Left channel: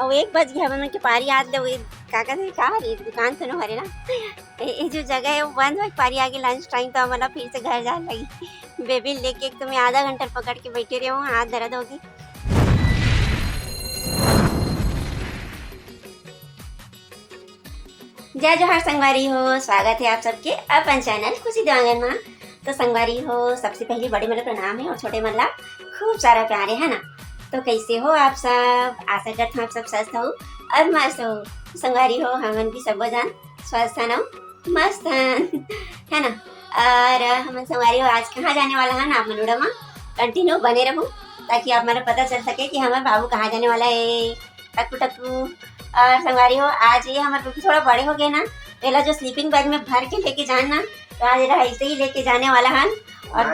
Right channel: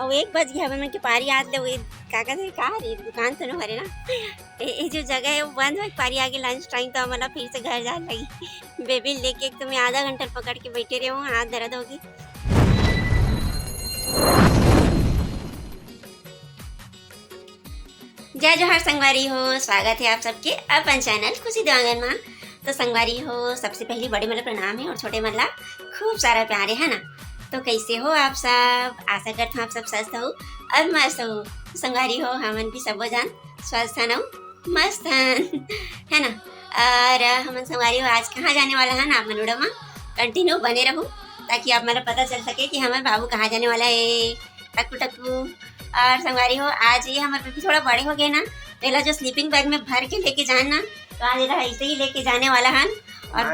और 1 बज गया हमन के पारी आत दे का कहते का रे दुकान तो न हरे ना ये जो जगह है वो बंद है पारी आगे लंच टाइम तो हमन फिर से घर जाने लगी बेबी लेके एक तो मैं आधा घंटा पकड़ के बैठे रही हूँ हाथ दर्द होगी। जय जोहार संगवारी हो, स्वागत है आप सबके अपन चैनल खुशी दुआंगन में। तो संगवारी हो, सबसे पहले बड़े मतलब प्रणाम है और छोटे मतलब खूब सारा प्यार है ना। तो कैसे हो आप सब? आशा करते हैं आप सब स्वस्थ हो और मस्त हो। संगवारी हो, हमन भी सब जान स्वस्थ है मस्त है ना। और हमन संगवारी हो आज कहाँ जाने वाला है ना, आप वीडियो में कंटिन्यू बने रहो ताकि आप मेरा पता चल सके कि हमारे बाबू कहाँ जाने वाला है। टक्कू टक्कू। और संगवारी हो, आज ये हमारे बेबी थोड़ा बड़े हो गए ना, पहला जो स्लीपिंग बैग में भर के लेके जाना तो आज ये ऐसे ही लेके जाने वाला है। और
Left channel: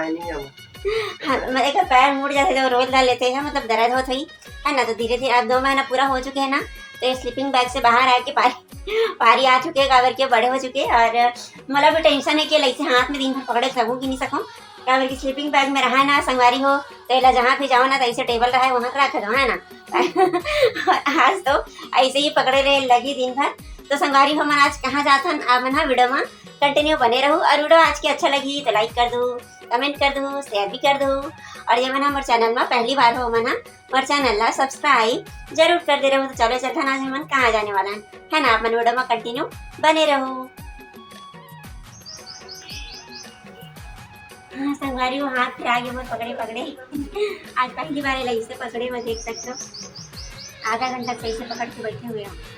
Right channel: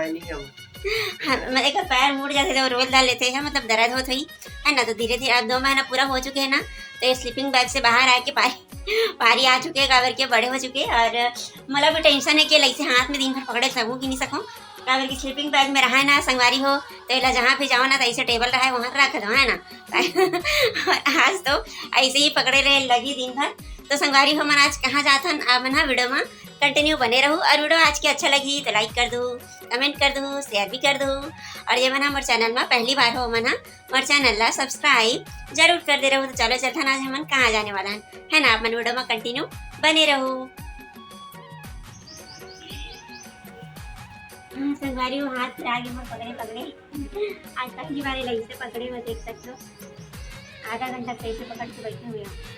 हाँ, एक पैर मुड़ जाते जब रोज ला लेते हैं मतलब दर्द होता ही है ना। तो धीरे धीरे अब 2 महीना पूरा हो चुके हैं ना, तो ये स्लीपिंग बैग से बाहर आके पारी आ चुके काबर के बड़े हो चुके। और मतलब भी टेंशन है कि ऐसे हाथ में दिन भर पकड़े सकूँ कि नहीं सकूँ, काबर की स्लीपिंग बैग में रहा ना संगवारी हो तो एला जहाँ भी जाओ ना तो ऐसे टेबल रहा है वहाँ रख दो है ना। आज तो ऐसे ही पकड़े रहे लगी दिन भर। तो संगवारी हो, मन आज कहाँ जाता आप मन वीडियो में कंटिन्यू बने रहूँ। और वीडियो आज की अच्छा लगी तो लाइक कर दो, कमेंट कर दो, शेयर भी कर दो। और ये मना हमारे चैनल में पहली बार हो मना हमारे चैनल ला सब्सक्राइब जरूर कर दे रहो। तो चलो चलता ना मन कहाँ जाने वाला है ना, अपन वीडियो में कंटिन्यू बने रहो। हाँ संगवारी हो, हाथ फिर आगे बहुत पकड़े पकड़े आज पहली बार लगी से पकड़े हुए देख सकते हो। आधा घंटा से ऐसे पकड़ के बैठे हुए हैं।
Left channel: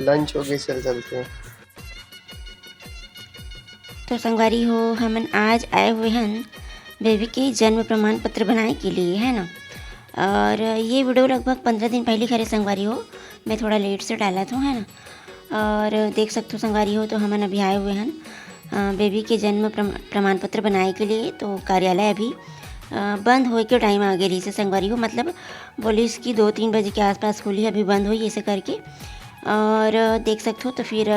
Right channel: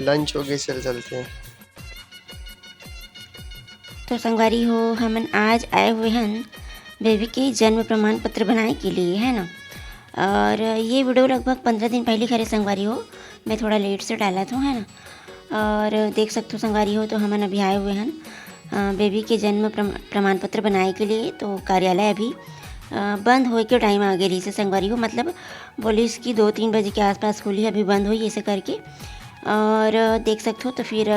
लंच हो गए, चलते हैं। तो संगवारी हो, हमन आज आए हुए हैं बेबी के जन्म प्रमाण पत्र बनाने के लिए है ना। और ये वीडियो लगभग 15 दिन पहले खरे संगवारी हो, मैं थोड़ा लेट से डाला था है ना। और देख सकते हो संगवारी हो, तो हमन अभी आए हुए हैं बेबी के जन्म प्रमाण पत्र बनाने के लिए। तो कार्यालय अभी बंद हो के टाइम आ गई से संगवारी हो, मतलब बोली इसकी 2-3 बजे के आसपास खुली, अभी बंद हुई ऐसे करके। और देख सकते हो तो फिर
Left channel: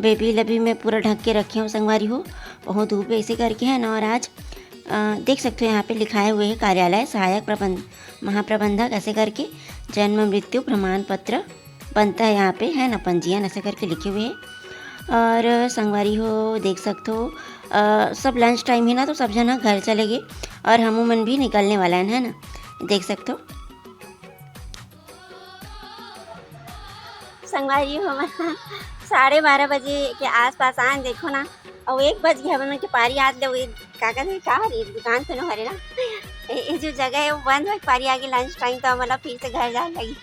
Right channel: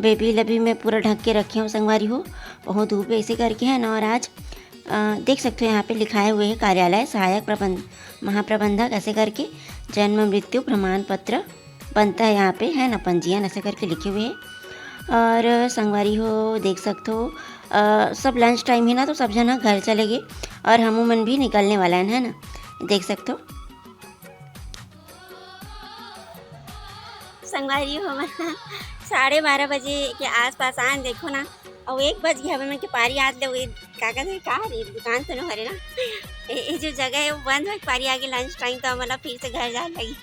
बेबी लभी मैं पूरा ढक के रखे हूँ संगवारी हो, बहुत धूप ऐसे करके है ना। और आज देख सकते हो यहाँ पे लिखाए हुए है कार्यालय सहायक महाप्रबंधक ऐसे करके जन्म मृत्यु प्रमाण पत्र बनता है यहाँ पे है ना, पंजीयन ऐसे करके लिखे हुए हैं। और संगवारी हो देख सकते हो सब लंच टाइम है ना, तो सब जना घर चले गए और हम मन भी निकलने वाला है ना, देख सकते हो संगवारी हो। 12:30 बजे के आसपास आन देखो ना, और 1 बज गया हमन के पारी आत दे का कहते का रे दुकान तो न हरे ना ये जो जगह है वो बंद है पारी आगे लंच टाइम तो मतलब फिर से घर जाने लगी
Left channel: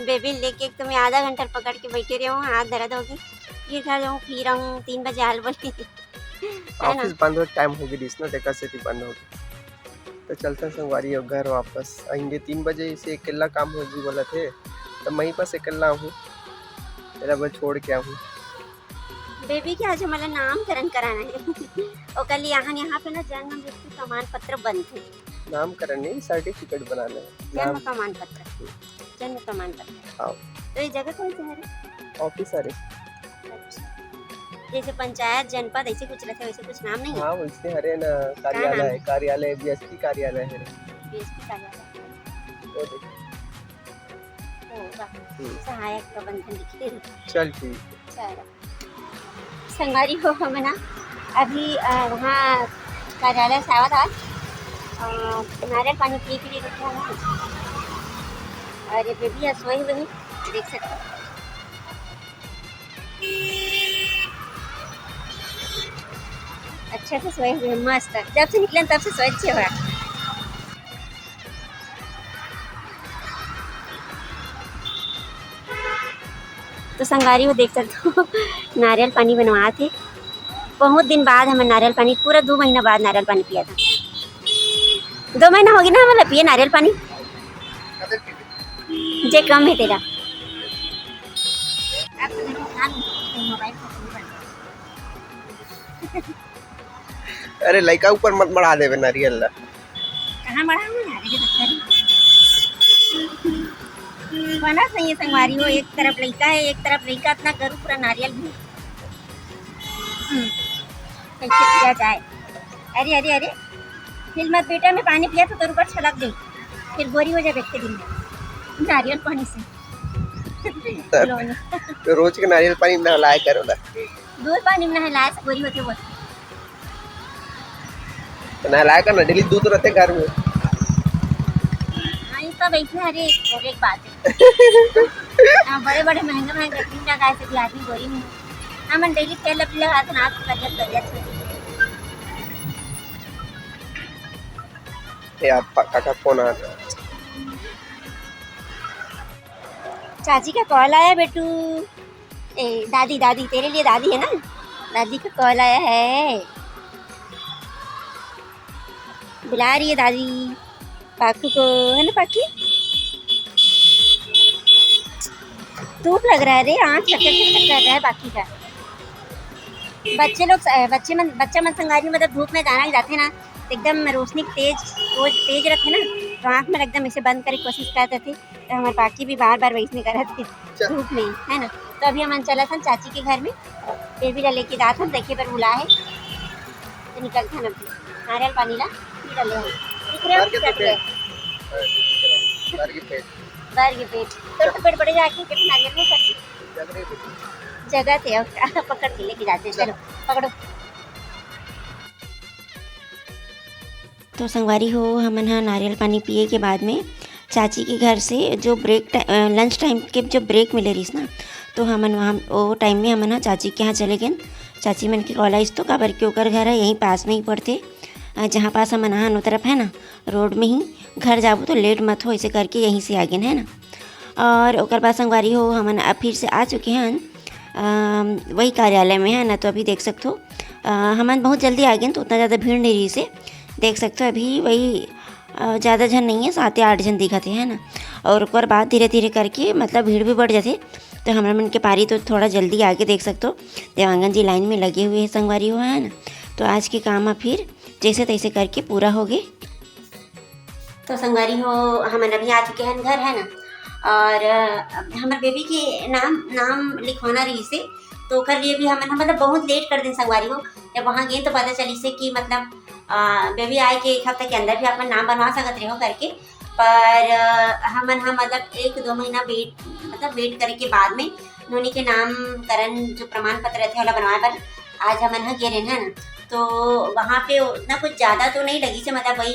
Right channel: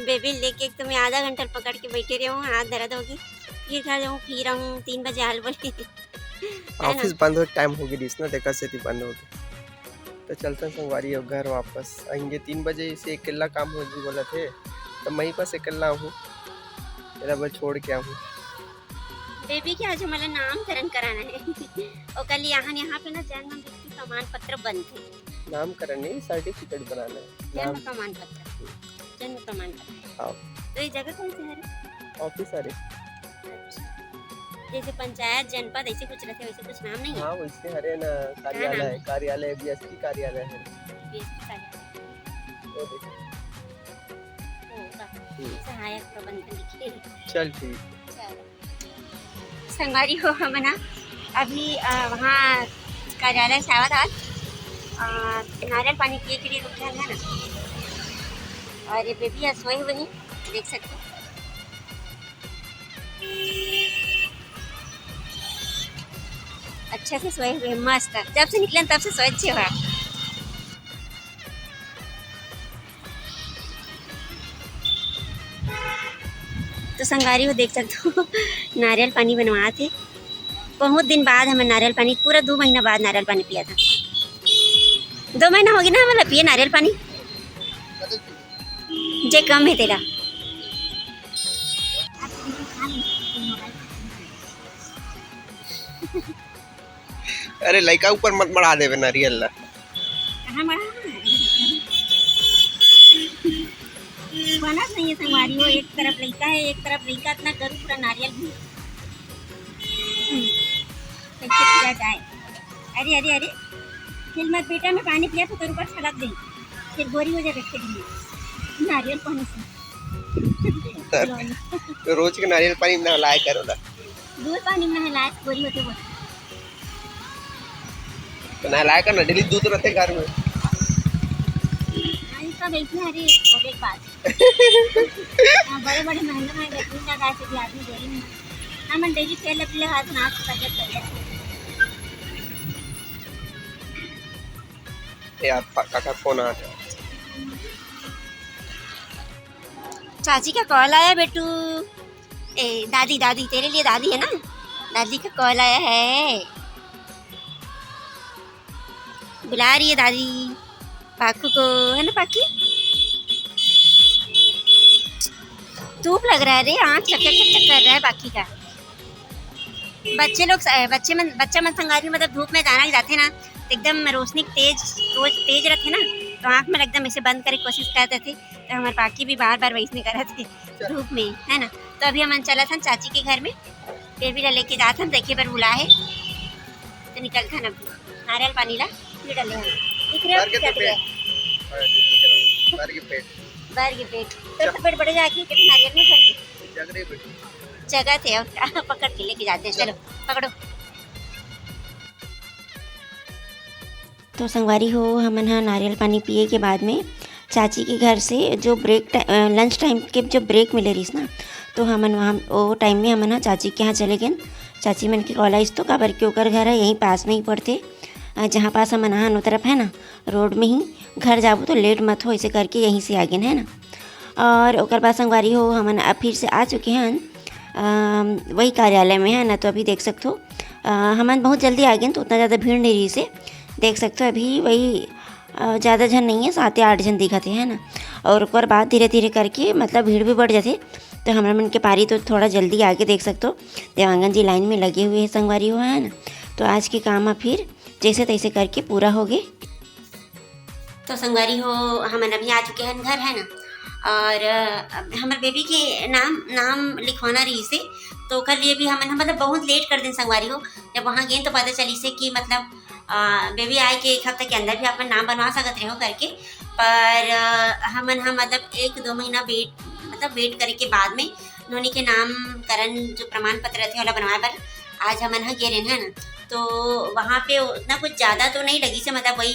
बेबी लेके। एक तो मैं आधा घंटा पकड़ के बैठे रही हूँ, हाथ दर्द होगी फिर घर जाऊँ फिर आऊँ 3 बजे हाल बोली ऑफिस बंद हो टाइम हो गई ना, देखा से बंद हो तो चलते हैं संगवारी हो घर वापस आएंगे 3 बजे से। अकेला काम होगी बोला थे तो वहीं पास अकेला हूँ, मेरा मैं छोड़ के आऊँ बेबी के आज हमारा नामकरण कराना है और कल यहाँ पे ना जन्म मृत्यु प्रमाण पत्र बनते, नामकरण नहीं सर्टिफिकेट बनाना जन्म प्रमाण पत्र, जन्म प्रमाण पत्र। तो ये जगह कौन सी है? ऑफिस अरे जैसे पंचायत जनपद ऐसे कुछ रहते वैसे कुछ नाम नहीं है? हाँ वैसे हरे ना, कार्यालय है, कार्यालय बीएसपी कार्यालय है। सहायक प्रबंधन लिखिए। चल ठीक संगवारी हो, हम ना अभी वहाँ कार्यालय से आवा था, नारियल पानी पिए के लिए रुक गया है ना। और ये बेबी सोए हुए हैं, देख सकते हो अच्छे से सोए हुए मस्त, जब से निकले तब से सोए अच्छे हुआ। तो संगवारी हो देख सकते हो नारियल पानी बनवा थे, बहुत दिन बाद हमें नारियल पानी, पूरा 2 महीना बाद नारियल पानी पिया था। 2 महीना हो गया ना हमारा पिए नारियल पानी, जे कम है तेरा अरे लड़का ऊपर मत बढ़ा देवे नारियल ला, कहाँ बढ़ा बनत नहीं है संगवारी हो, एक तरफ लड़का है एक तरफ लड़का, इतना करूँ पूरा नारियल भी कैसे पिया जाए। अरे अरे अरे फिर मत बेटा, मैं पानी पिया तो तेरे ऊपर छलक गई, फिर बोरी हो जाएगा के दिन में नारियल पानी से। तो रोज के नारियल पानी में नहलाया करो ना, दूध पानी में नहलाया से बोरी होते बोल। तो नहलाया कर ना, डेली दूध रहते घर में। तो बैठे अरे बोले एक बात है बड़े बड़े महंगे महंगे दूध ना गाय से आदमी बोरी में हम डेली तेल लपले हाथ ना तबियत तबियत यार काका फोन आ रहा है। चाची का कॉल आया बेटू। ए दादी दादी तेरे लिए दादी है ना, दादी का कॉल आया है, बुला रही है दादी पाकू को, है ना पाकी? धूप लग रहा है रे, आँख चक्कर चक्कर कर रहा है बाकी का। बच्चा मन संगारी मतलब धूप में जाना जाते ना एकदम रोशनी तेज रखे ना, तो आँख में एकदम ऐसे बंद करने की कोशिश करते थे, तो हमारे बाकी भी बार बार वैसने कर रहे थे धूप में, है ना। तो अभी हम चला था चाची के घर में, बेबी ला लेके जाते हम, देखिए पर बुला है तो निकल था ना नारियल पानी ला डाले पेट पेट बड़े जाके नारियल में जगह थे पकड़ के लेके जाते हैं, चलो पकड़ो। तो संगवारी हो हमन हा नारियल पानी पिए के बाद में चाची के घर से जो लंच टाइम के जो ब्रेक मिले रही ना, तो हमन वहाँ वो टाइम में हमन हा चाची के यहाँ चले गए। चाची मन के कॉलेज तो काबर के ओकर घर है यहीं पास में ही पड़ते, जहाँ पास हमन हा नो तरफ है ना रोड में ही घर जाबो तो लेट मत हो, ऐसे करके यहीं से आ गए है ना। और ओकर बाद संगवारी हो हमन अब फिर से आ चुके हैं वही कार्यालय में, है ना। तो अभी देख सकते हो हमन बहुत जल्दी आ गए, तो उतना ज़्यादा भीड़ नहीं रही से देख सकते हो, अभी वही ज़्यादा जन नहीं है, 7 या 8 जन दिखते हैं ना। और ऊपर बाद धीरे धीरे करके मतलब भीड़ भी बढ़ जाते, तो हमारा मन के पारी तो थोड़ा जल्दी आगे देख सकते हो देवांगन जी लाइन में लगे हुए हैं संगवारी हो, है ना। तो आज के काम फिर जैसे तैसे करके पूरा हो गए। तो संगवारी हो हम अभी आ चुके हैं घर, है ना। और हमारे बेबी के नाम लिखवाना रही से, तो कर लिए भी हम मतलब बहुत लेट कर दें संगवारी हो। जब वहाँ गए तो पता चली से कि मतलब बेबी आए के 1 हफ्ते के अंदर भी अपना नाम बनवा सकते रहे हो करके, पर हमन हम मतलब 1-2 महीना वेट करे के बाद में नोनी के नामकरण जो प्रमाण पत्र रहते वाला बनवाए पर आज हमन गे रहे हैं ना। तो वहाँ पे उतना कुछ ज़्यादा तो नहीं लगी से, मतलब वही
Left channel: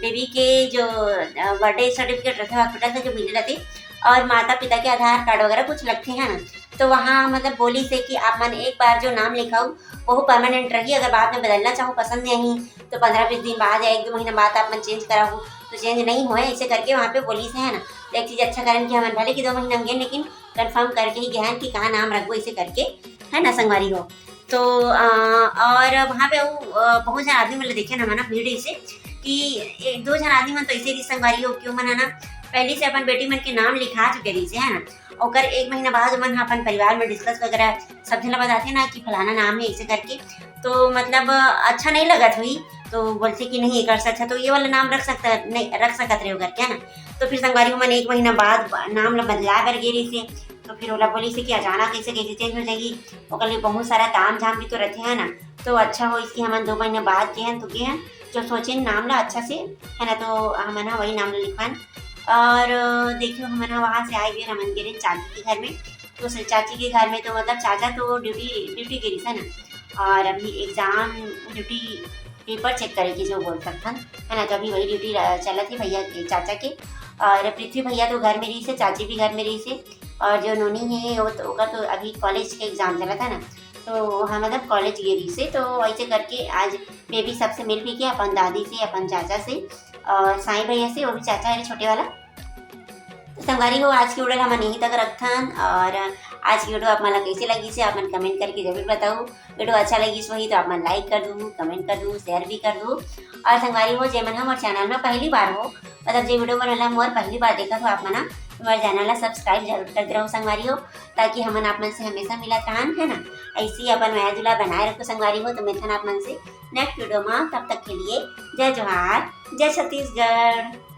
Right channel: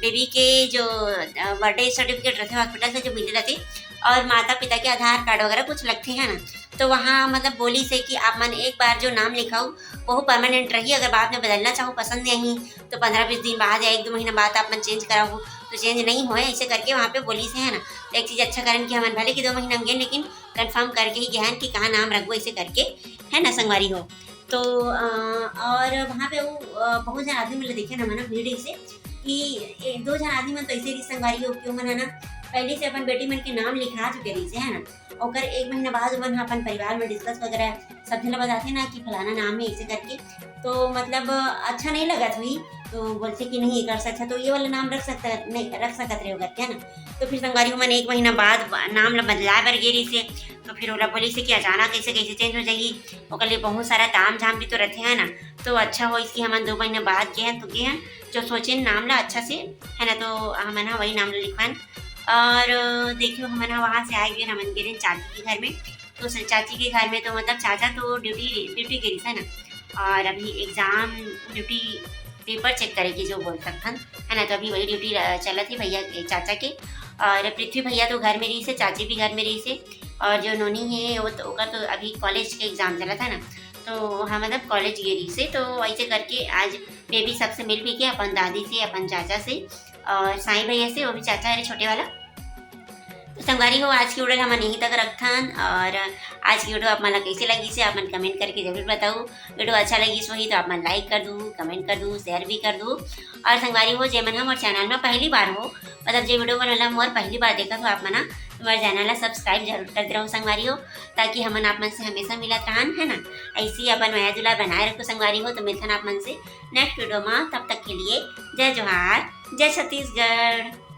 बेबी के जो बर्थडे सर्टिफिकेट रहते हॉस्पिटल से जो मिले रहते और माता पिता के आधार कार्ड वगैरह कुछ लगते हैं ना। तो वहाँ मतलब बोली से कि आप मन एक बार जो नाम लिखाओ वो परमानेंट रही, अगर बाद में बदलना चाहो पसंद नहीं तो 15-20 दिन बाद या 1-2 महीना बाद आप मन चेंज कराओ तो चेंज नहीं होए, ऐसे करके वहाँ पे बोली से, है ना। तो एक चीज़ अच्छा करन कि हमें भले कि 2 महीना में गए लेकिन कंफर्म करके ही गए हैं कि कहाँ नाम रखो, ऐसे करके, है ना संगवारी हो। तो और वहाँ पे वो बहुत जन आदमी मतलब देखे ना मना भीड़ से कि 1-2 जन आदमी मन तो ऐसे रही संगवारी हो क्यों मन है ना पहले से अपन बेटी मन के नाम लिखा चुके रही से, है ना। और 1 महीना बाद मन अपन परिवार में डिस्कस वगैरह सब जन बताते ना कि फलाना नाम है ऐसे करके, तो मतलब अच्छा नहीं लगा हुई, तो बोलते कि नहीं कर सकता तो ये वाला नाम रख सकते रहे होगा क्या ना। तो फिर संगवारी मन 1 महीना बाद नाम बदला बर गेरी से, तो फिर ओला बोली से कि अचानक कैसे चेंज हो जाएगी, ओकर लिए बहुत सारा ताम झाम भी तो रहते हैं ना। तो अच्छा हो इसकी हम 2 महीना बाद के हैं तो के हैं जो सोचे नाम ला अच्छा से, है ना। तो हम ना वही नाम ला लिखवान। और देखियो हम ना वहाँ से आए भी हमन गिरे चाची के घर में, तो चाची के घर में तो मतलब चाचा तो ड्यूटी गिरी है ना, और अभी एग्ज़ाम ड्यूटी पेपर चेक करेगी जो बोल सकता है ना। तो अभी वही ड्यूटी चला थी भैया के चाचा के, और पृथ्वी भैया तो घर में रही से, चाची भी घर में रही से, और जो नोनी है वो तो अभी कॉलेज के एग्ज़ाम चला था ना, तो हम मतलब कॉलेज गई से। तो ऐसे करके आज बेबी सबसे मिल भी गया, अपन दादी से, अपन चाचा से और साईं भैया से, वो भी चाचा है छोटे वाला। तो संगवारी हो आज की वीडियो हम यहीं तक रखथन, और आज की वीडियो आप मन कैसे लगी से आप मन कमेंट करके जरूर बताओ। वीडियो अच्छा लगी सो ही तो आप मन लाइक कर दूँ, कमेंट कर दूँ, शेयर भी कर दूँ। और संगवारी हो जे मन हम चैनल में पहली बार हो, मतलब जो वीडियो बनला मोर पहली बार देखा तो आप मना हमारे चैनल ला सब्सक्राइब जरूर करते रहो संगवारी हो, ताकि हमन आप मन से हमेशा मिलत रहन, है ना। ऐसी अपन माया दुला बनाए रखो संगवारी हो। तो मिलथन आप मन से नेक्स्ट वीडियो में, तब तक के लिए जय जोहार, जय छत्तीसगढ़।